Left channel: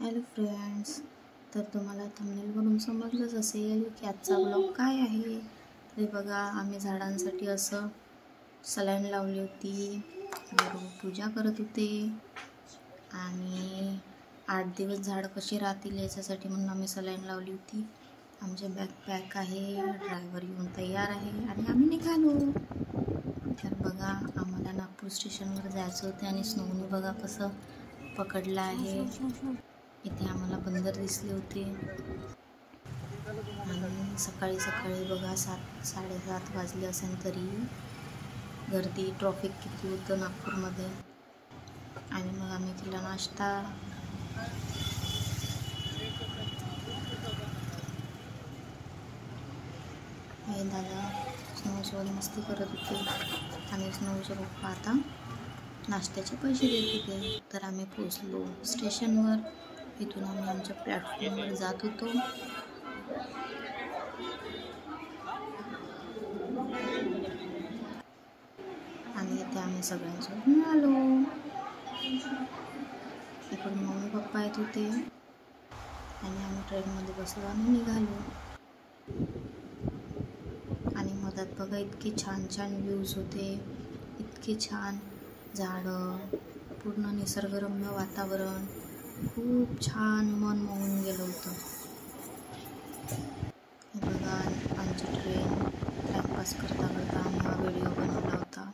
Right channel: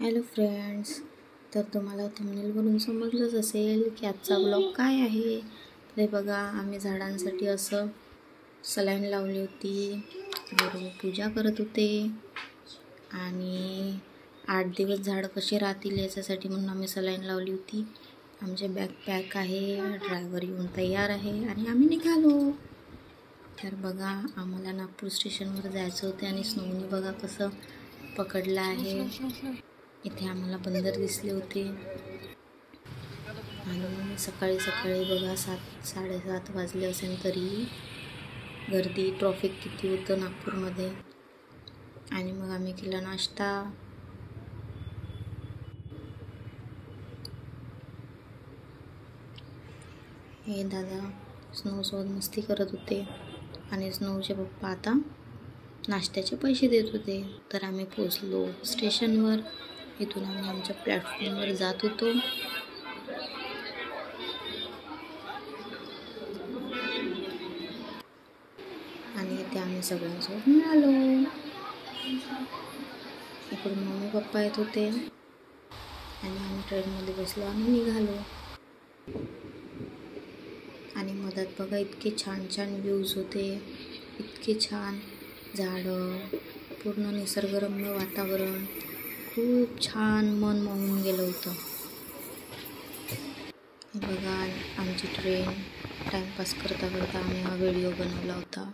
Hello friends, तर तुम्हाला थंबनेलवरून समजलंच असेल की आजचा ब्लॉग काय आहे. ते बघा, आम्ही झाडांसाठी असं सलाईन लावली होती, बरोबर पूजा करत होते आणि 8 दिवस झाडं कशी राहतील याच्यासाठी म्हणून आम्ही सलाईन लावली होती. आमचे बॅग पॅक आहे, ड्रायव्हर येऊन तयार आहे आणि आम्ही निघालो. तर बघा, आम्हाला नागपूर स्टेशनवर जायचं होते आणि स्नोनी बघा कसं पकडलं आहे. इथे आम्हाला बंदर दिसले होते आणि सकाळी सकाळी बघा 7-7:30 वाजले असेल तरी गर्दी, ट्रॉफिक किती होतं नागपूरमध्ये. आणि मग आम्ही केला नाश्ता. हे दादा स्नोसोबत मस्ती करत होते आणि स्नोचे पप्पा आता नाश्त्याचे पैसे देत होते. तर आम्ही पोचलो स्टेशनवर. इथून आम्ही आमच्या प्लॅटफॉर्मवर जात होतो. आणि इथे आम्ही सगळ्यांसोबत मिळालो. इकडून मम्मी पप्पा येत होते आणि आम्ही ट्रेनमध्ये बसलो आणि निघालो. आणि मधात बघा इतके छान छान व्ह्यूज होते, इतके छान झाडं, पूर्ण निसर्गरम्य वातावरण, खूप छान मन मोहून गेलं होतं. बघा, आमची ट्रेन टाइमपास करता करता आम्ही हा व्हिडिओ बनवला होता.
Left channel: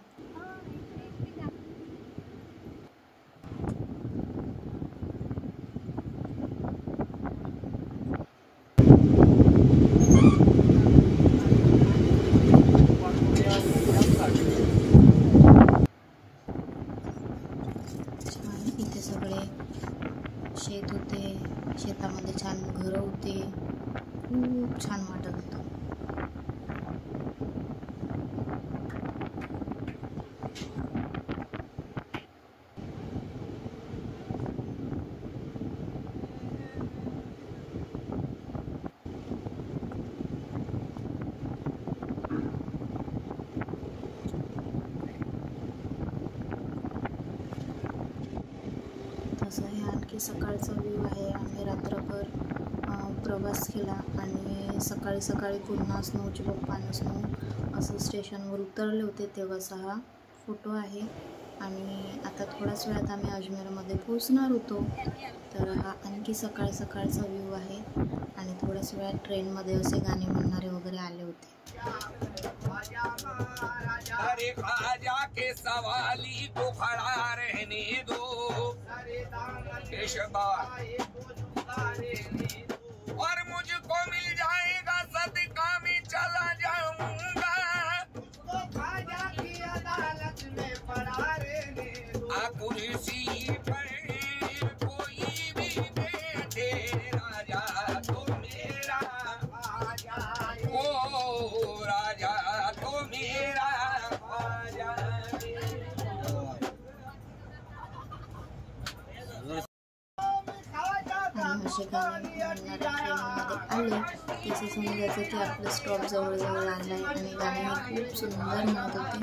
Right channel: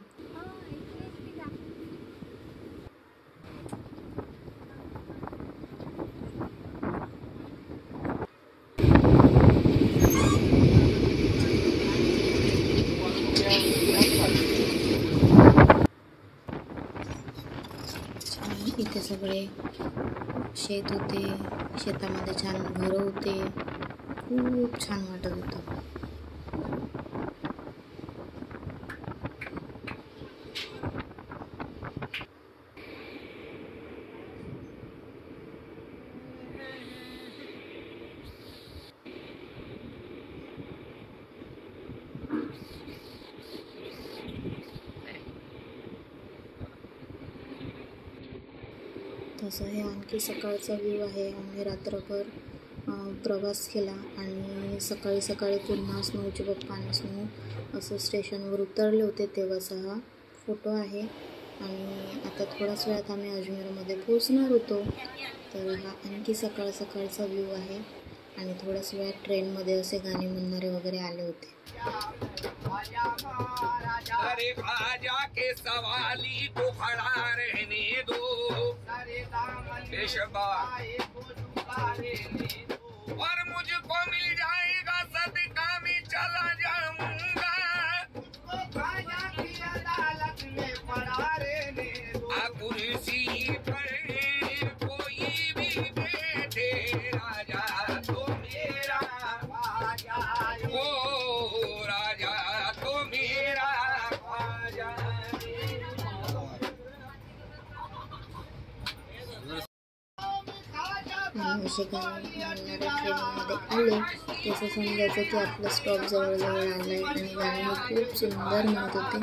इथे सगळे शेत होते, शेतामध्ये छान घरं होते, खूप छान वाटत होतं. तसं हे आणखी सकाळचा व्ह्यू आहे. आम्ही रात्रभर प्रवास केला आणि सकाळी सकाळी पुन्हा स्नोचे पप्पा आणि स्नो असं स्टेशनवर उतरले होते तेव्हाचा हा फोटो आहे. आणि आता थोड्याच वेळात आम्ही अजमेरमध्ये पोहोचणार होतो. तर हा आणखी सकाळ सकाळचा व्ह्यू आहे. आणि थोड्याच वेळात ट्रेनमध्ये असे गाणे म्हणणारे वगैरे आले होते. अरे खाजा के सवाली को खड़ा रहने दो, और मुझको मिल जाएगा सदका में चला जाऊंगा, खाजा की अदालत में पड़ा रहने दो, कुर्सी पर कोई भी बैठे, राजा तो मेरा, ओ राजा तो मेरा. असे गाणे म्हणणाऱ्या ट्रेनमध्ये आले तसं समजायचं की आपलं स्टॉप जवळजवळ आलं आहे. आणि गाणे खूप सुंदर म्हणत होते.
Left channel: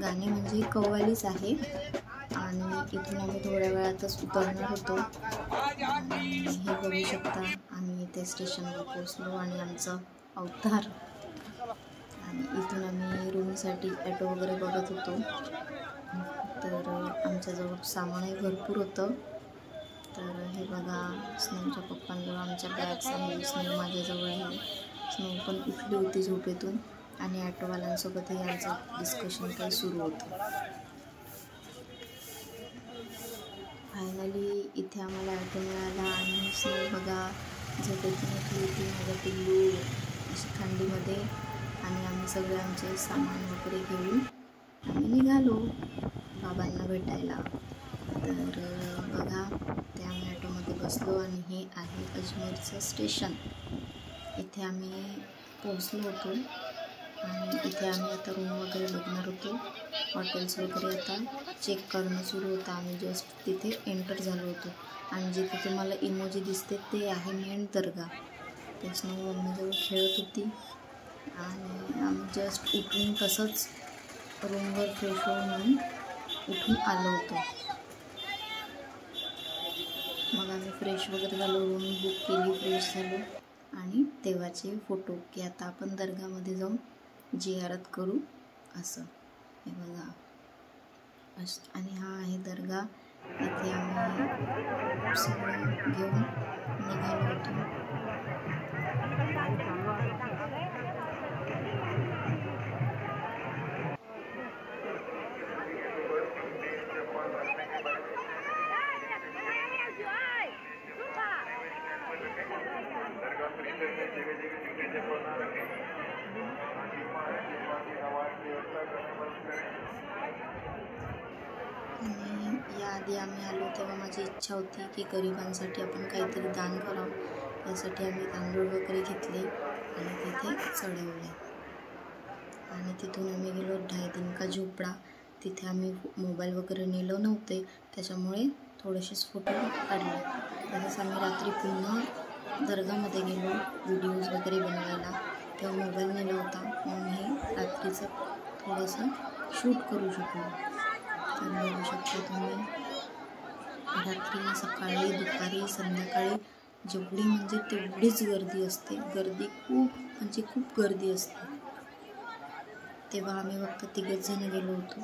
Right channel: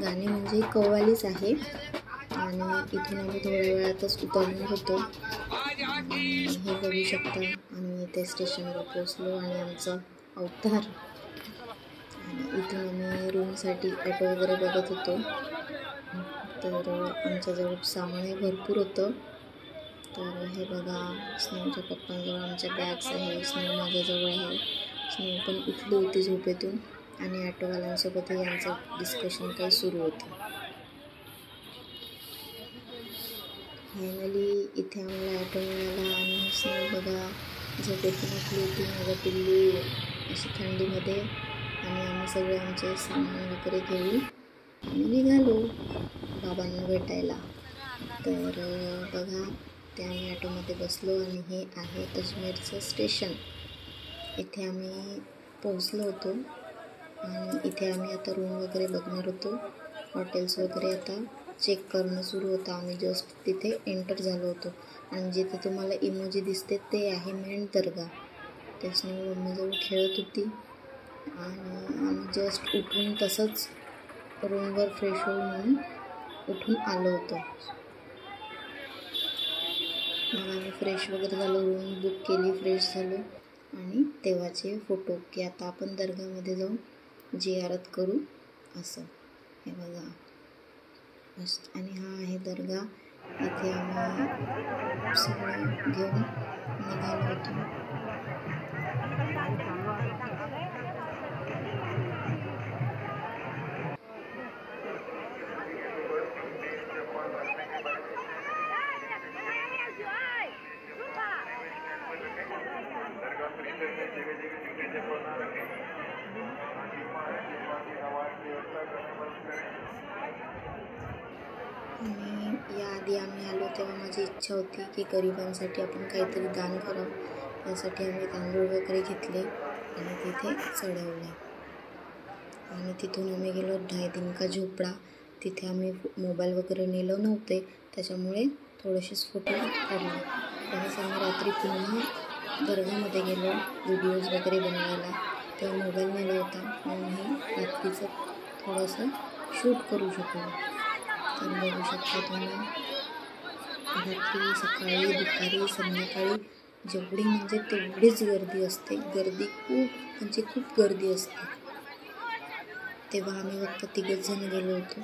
गाणे म्हणजे कव्वालीच आहे. आणि इथून आम्ही थोड्या वेळातच उतरणार होतो. आणि हे बघू शकता, आम्ही इथे स्टेशनवर पोचलो आणि आमचं अवतार. आणि इथून आम्ही रूमसाठी ॲटो वगैरे बघत होतो. तर आमच्याजवळ सामानही भरपूर होतं. तर हे बघा, स्नोच्या पप्पांजवळ आमच्या बॅग्स आहे, स्नो माझ्याजवळ आहे. स्नो पण उठली होती झोपेतून आणि ॲटोवाल्यांसोबतही यांचं डिस्कशन काही सुरू होतं. फायनली इथे आम्हाला ॲटो मिळाला आणि स्नो बघा झोपेतून उठली होती, माझ्या पिल्लू, अशी थंडीमध्ये. आणि आम्ही सगळे आमचे सामान वगैरे घेऊन आम्ही निघालो बाबांना भेटायला. तर बघा, ते आम्ही ॲटोमध्ये बसलो आणि हे आहे अजमेरचं स्टेशन. इथे आम्ही पोहोचलो होतो आणि इथे आम्ही आता रूम वगैरे बघणार होतो. हॉटेल्स वगैरे आता चेक करणं सुरू होतं. आम्ही जस्ट तिथे एंटर झालो होतो. आणि जिथे तुम्हाला इमोजी दिसते ते आहे मेन दर्गा. ते स्नो मम्मीजवळ खेळत होती आणि आम्ही जस्ट उठून तसंच रूमवर फ्रेश होऊन म्हणून उठून आलो होतो. मग आम्ही फ्रेश वगैरे झालो, रूम बुक केली, फ्रेश झालो आणि तेव्हाचे फोटो की आता आपण दर्गामध्ये जाऊन जियारत करू असं. हे बघा आणि हा आहे दर्गा. इथे आम्ही सगळं घेऊन निघालो होतो. आणि याआधी आम्ही आलो तेव्हा माझी इच्छा होती की गरिबांसाठी आपण काहीतरी दान करावं. यासाठी आम्ही तांदूळ वगैरे घेतले आणि तिथे चढवले. आणि तिथून आम्ही गेलो ढाई दिन का झोपडा. तिथे आम्ही मोबाईल वगैरे नेलो नव्हते, त्याच्यामुळे थोडेसेच फोटो काढले. तसंच आम्ही रात्री पुन्हा दर्गामध्ये गेलो व्हिडिओज वगैरे बनवायला. तेव्हा मोबाईल नेला होता म्हणून हे रात्रीचं थोडंसं शूट करू शकलो. तर बघू शकता तुम्ही, रात्री, सकाळी, दुपारी, संध्याकाळी जेवढी म्हणजे तेवढीच गर्दी असते. गर्दी खूप गर्दी असते. तेव्हा आम्ही फक्त 3 जण गेलो होतो.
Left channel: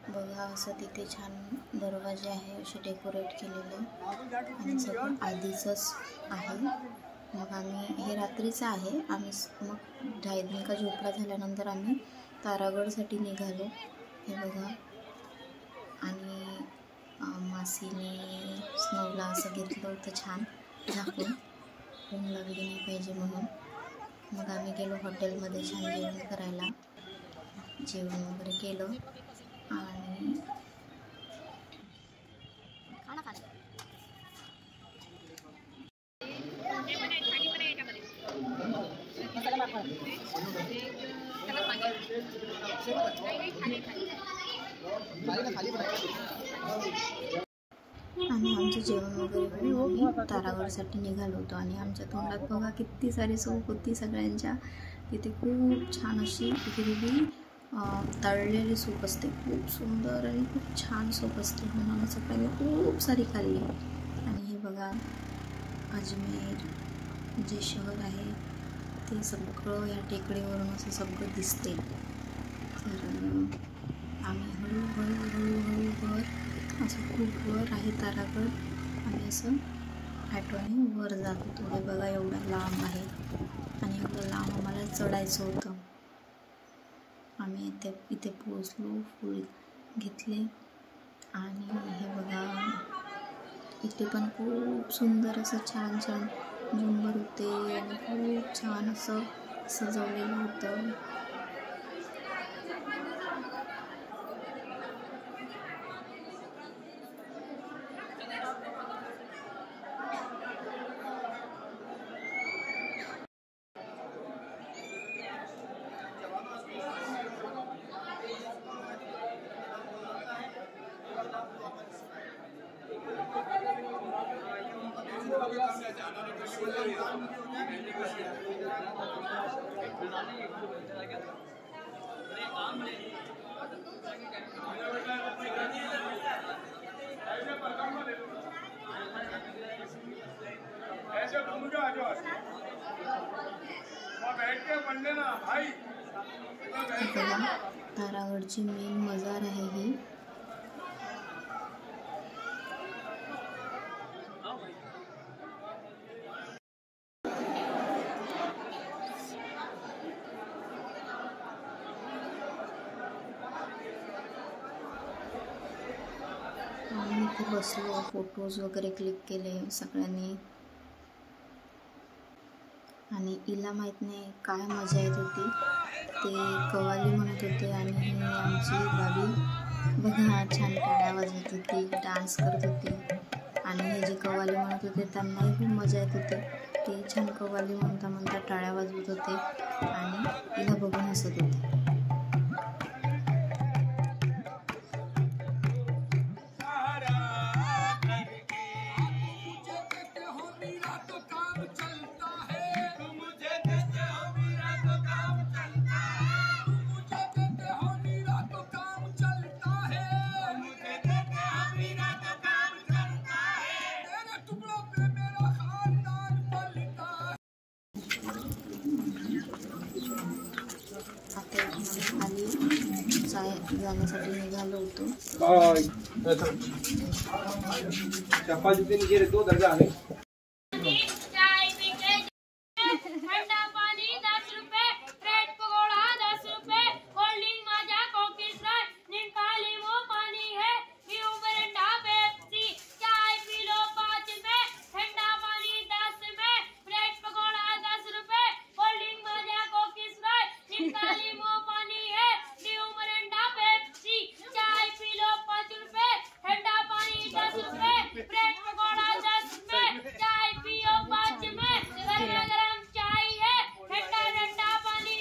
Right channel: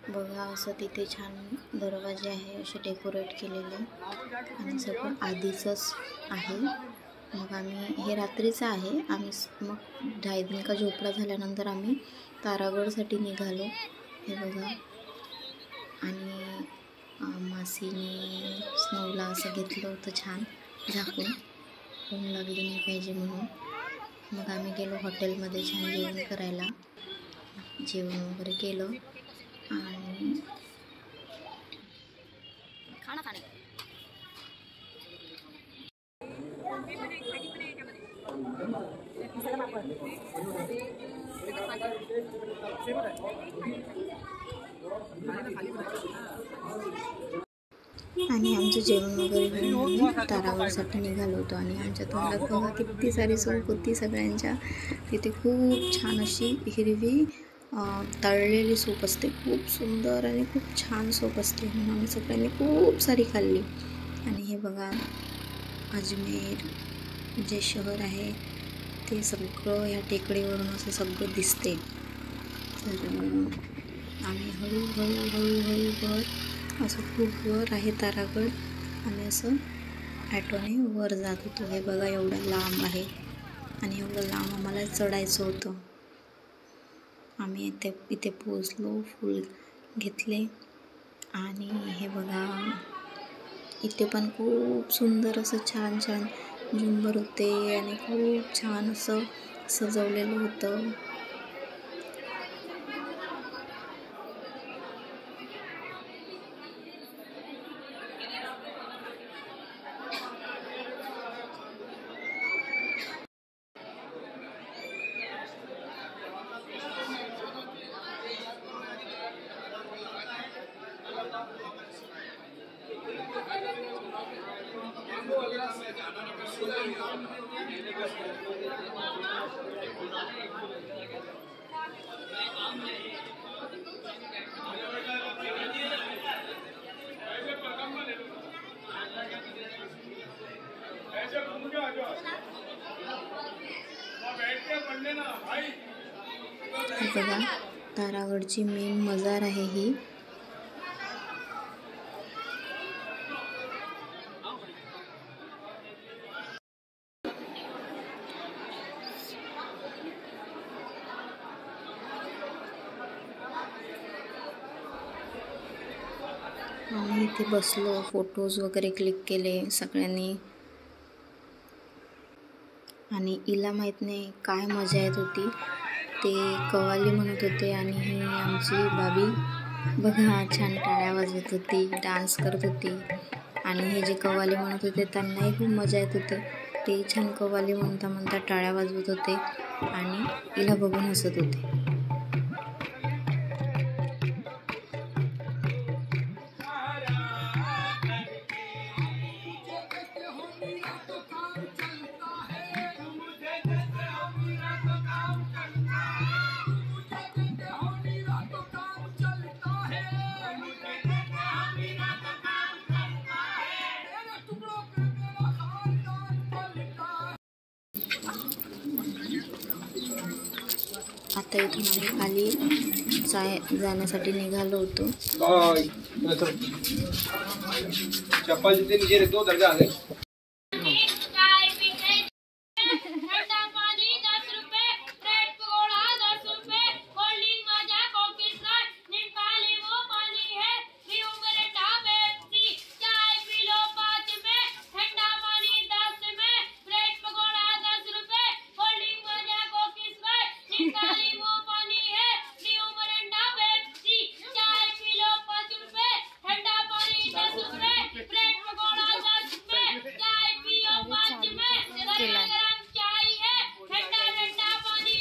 बघा असं तिथे छान दरवाजे आहे, असे डेकोरेट केलेले आणि सगळं आधीचंच आहे. मग आम्ही हे रात्रीचं आहे. आम्ही मग ढाई दिन का झोपडा झाल्यानंतर आम्ही तारागडसाठी निघालो. हे बघा, आणि मासीने स्नोला असं घेतलं होतं छान झाकून, ऊन लागली नाही पाहिजे म्हणून. मग आम्ही गेलो हॉटेलमध्ये छान जेवण करायला. जेवण वगैरे केलं आणि खाना खाणे. आणि आमचं जेवण वगैरे घेऊन तारागडसाठी निघालो होतो. आणि आमच्या तोंडात बघा किती सारी सूप होती सगळ्यांच्या. तिथे खूप छान अशी हिरवी तळलेली सूप असते, खूप सुंदर आणि खूप छान सूप असते. म्हणून आम्ही सगळ्यांनी खूप सारी खाल्ली. आणि हे बघा अजमेर जे शहर आहे ते सगळं या टेकडीवरून असं सगळं दिसते. तर आम्ही हळूहळू वर, असं खूप वर आहे तारागड. आम्ही असं ॲटोने वर जात होतो. हे बघा एवढं लांब आहे आणि एवढं लांब आम्हाला चढायचं होतं. आम्ही इथे पोचलो, फूल घेतले आणि हे बघा इथे पण खूप सुंदर असं छान झुंबर होते आणि खूप छान असं सजवलेलं होतं. बघा तारागडची मेन मजार आहे ही. आम्ही इथे बसलो, फोटोज वगैरे क्लिक केले सगळ्यांनी. आणि हिला माहीत नाही काय मजा येत होती. ते कव्वाली म्हणत होते आणि ही आमची बाबी बघा छान टाळ्या वाजवत होती, डान्स करत होती. आणि हे जे कव्वाली म्हणत होते त्यांनाही खूप मजा येत होती. ते छान कव्वाली म्हणता टाळ्या वाजवत होते आणि हिला बघून हसत होते. आता इथून आम्ही खाली जाण्यासाठी निघालो होतो.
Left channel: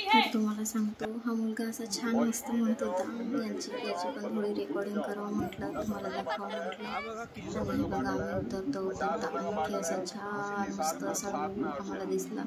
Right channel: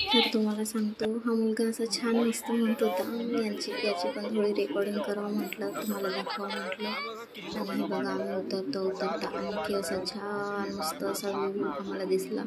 तर तुम्हाला सांगतो, हा मुलगा असा छान मस्त म्हणत होता. याची पण थोडी रेकॉर्डिंग करावं म्हटलं, तुम्हाला दाखवा म्हटलं. आणि बघा आम्ही उतरता आणखी असा छान मस्त असा व्ह्यू आम्हाला दिसला.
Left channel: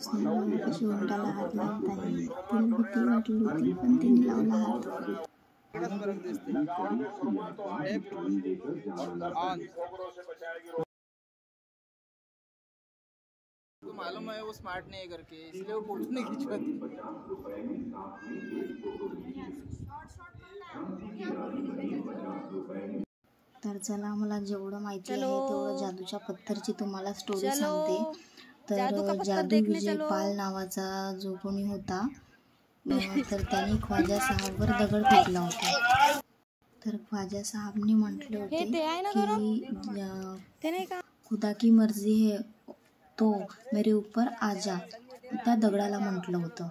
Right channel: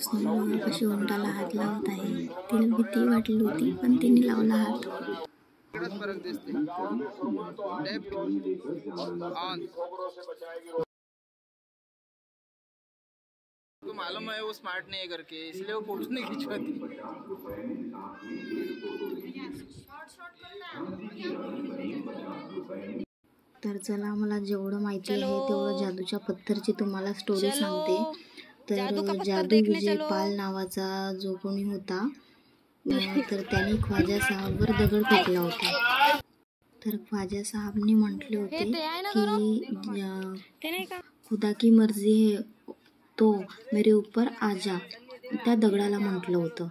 स्नोला कशी उंटाला हात लावत आहे. तिला भीती वाटली होती पण तिने लावला हात. तो मालूम है वो स्मार्ट नहीं है करके, इसलिए वो फोटो नहीं खिंचवाती. तर चला, मला जेवढं माहिती आहे तेवढं जादूच्या पत्थरची तुम्हाला स्टोरी सांगते. तर जादू विजय पाल नावाचा जो कोणी होता, तर त्याने ख्वाजा साहबवर दगड फेकला होता. तर ख्वाजा साहबने म्हटले होते की खुदा की मर्जी है तो मेरे ऊपर आजा, त्या दगडाला म्हटलं होतं.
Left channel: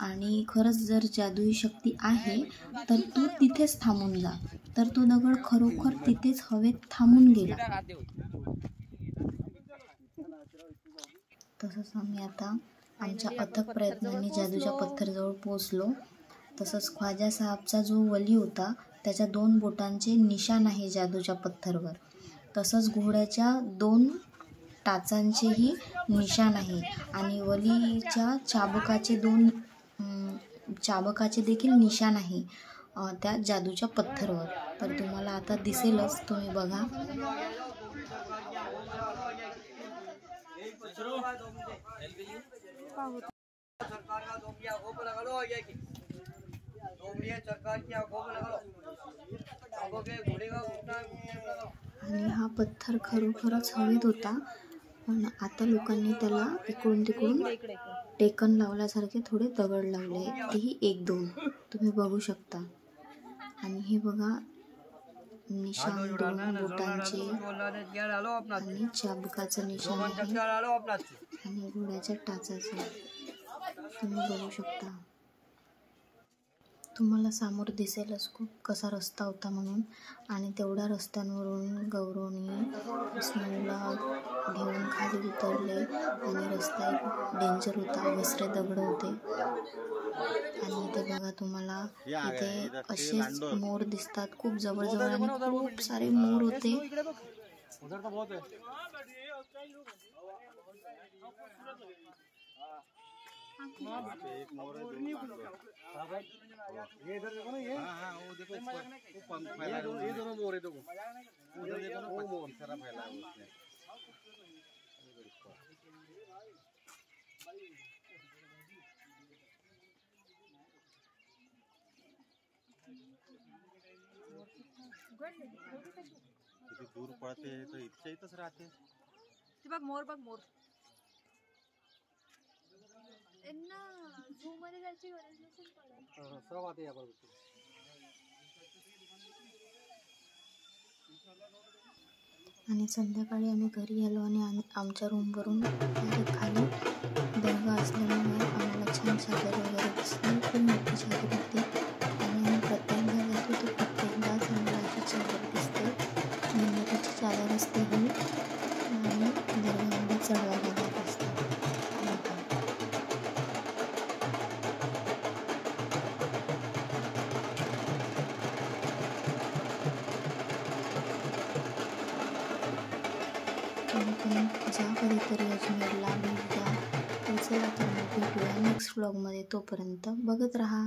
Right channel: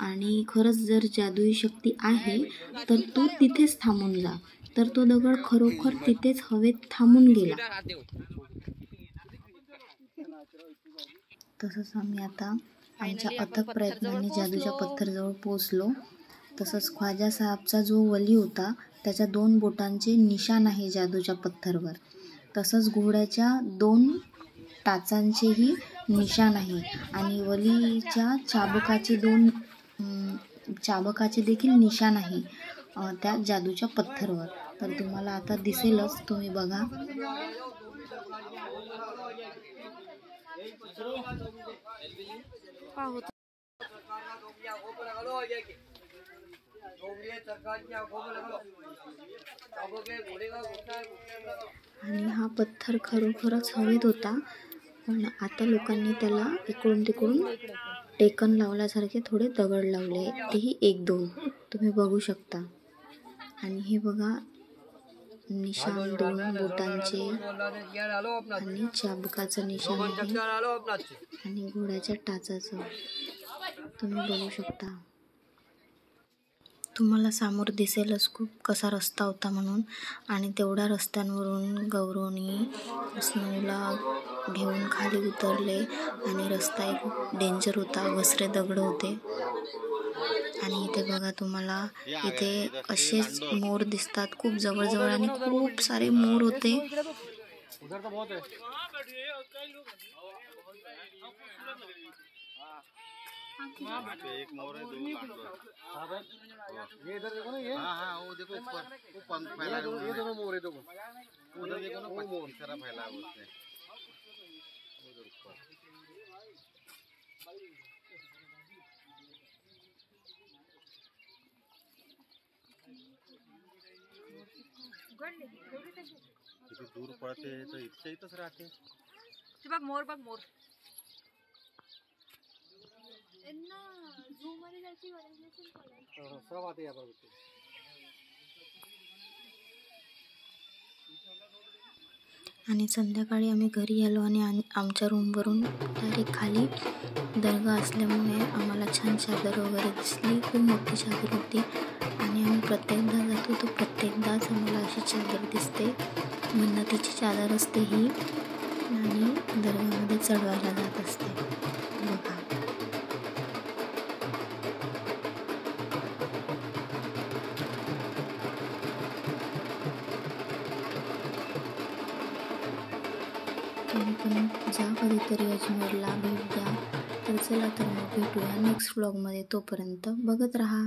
आणि खरंच जर जादुई शक्ती आहे तर तू तिथेच थांबून जा. तर तो दगड खरोखर तिथेच हवेत थांबून गेला. तसंच आम्ही आता आमच्या अथक प्रयत्नांनी जादूच्या पत्थरजवळ पोहोचलो. तसंच ख्वाजा साहबचा जो वली होता त्याच्या 2 बोटांचे निशाण आहे जादूच्या पत्थरवर. तसंच घोड्याच्या 2 टाचांचेही निशाण आहे. आणि वलीच्या चाबकाचे देखील निशाण आहे त्या जादूच्या पत्थरवर. तर तुम्हाला आता दिसेलच, तुम्ही बघा. आणि हा पत्थर खरोखरच हवेत होता, पण आता लोकांनी त्याला इकडून तिकडून टेकन लावल्यासारखे थोडे दगड लावले, तेही 1-2 तुम्ही बघू शकता. आणि हे बघा, निशाण 2 बोटांचे आणि चाबकाचं निशाण आहे आणि घोड्याच्या टाचाचं तुम्ही बघू शकता. तुम्हाला समोर दिसेलच खूप कसा रस्ता होता म्हणून. आणि तेवढ्या रस्त्यांवरून गौरवनी स्नोला घेऊन खाली उतरले. आणि रस्ता एक डेंजर होता, घसरे दगड होते. आणि इथे बघा, तुम्हाला इथे असेच मोर दिसतात खूप जवळजवळ, आणि खूप सारे मोर होते. एक मोर है, 2 कांटो. ये इधर देखो ना, ये वो देखो ऊपर वो पंख फैला है. वो देखो मोर है, देखो उधर देखो ना, वो मोर सारा फैला है उसमें उधर ऊपर. किती दूर पड़ते हैं तो इतने ही तो रहते. ते बघ मोर, बघ मोर. सब आते यहाँ पर. आणि संध्याकाळी आम्ही घरी आलो आणि आमच्या रूमवरून डायरेक्ट खाली दर्गा असल्यामुळे आम्हाला छान चादर वगैरे दिसली. खूप मोठी चादर होती. आणि आम्ही प्रत्येकदा जातो तो प्रत्येकदाच आम्हाला अशी चादर दिसते. मिन्नतीची चादर असते ही, आणि दर्गामध्ये चढवायला जात असते. तुम्ही जा कधीतरी अजमेरला भेट द्या. तर चला तर मग भेटूया नेक्स्ट व्लॉगमध्ये. तोपर्यंत बघत राहा.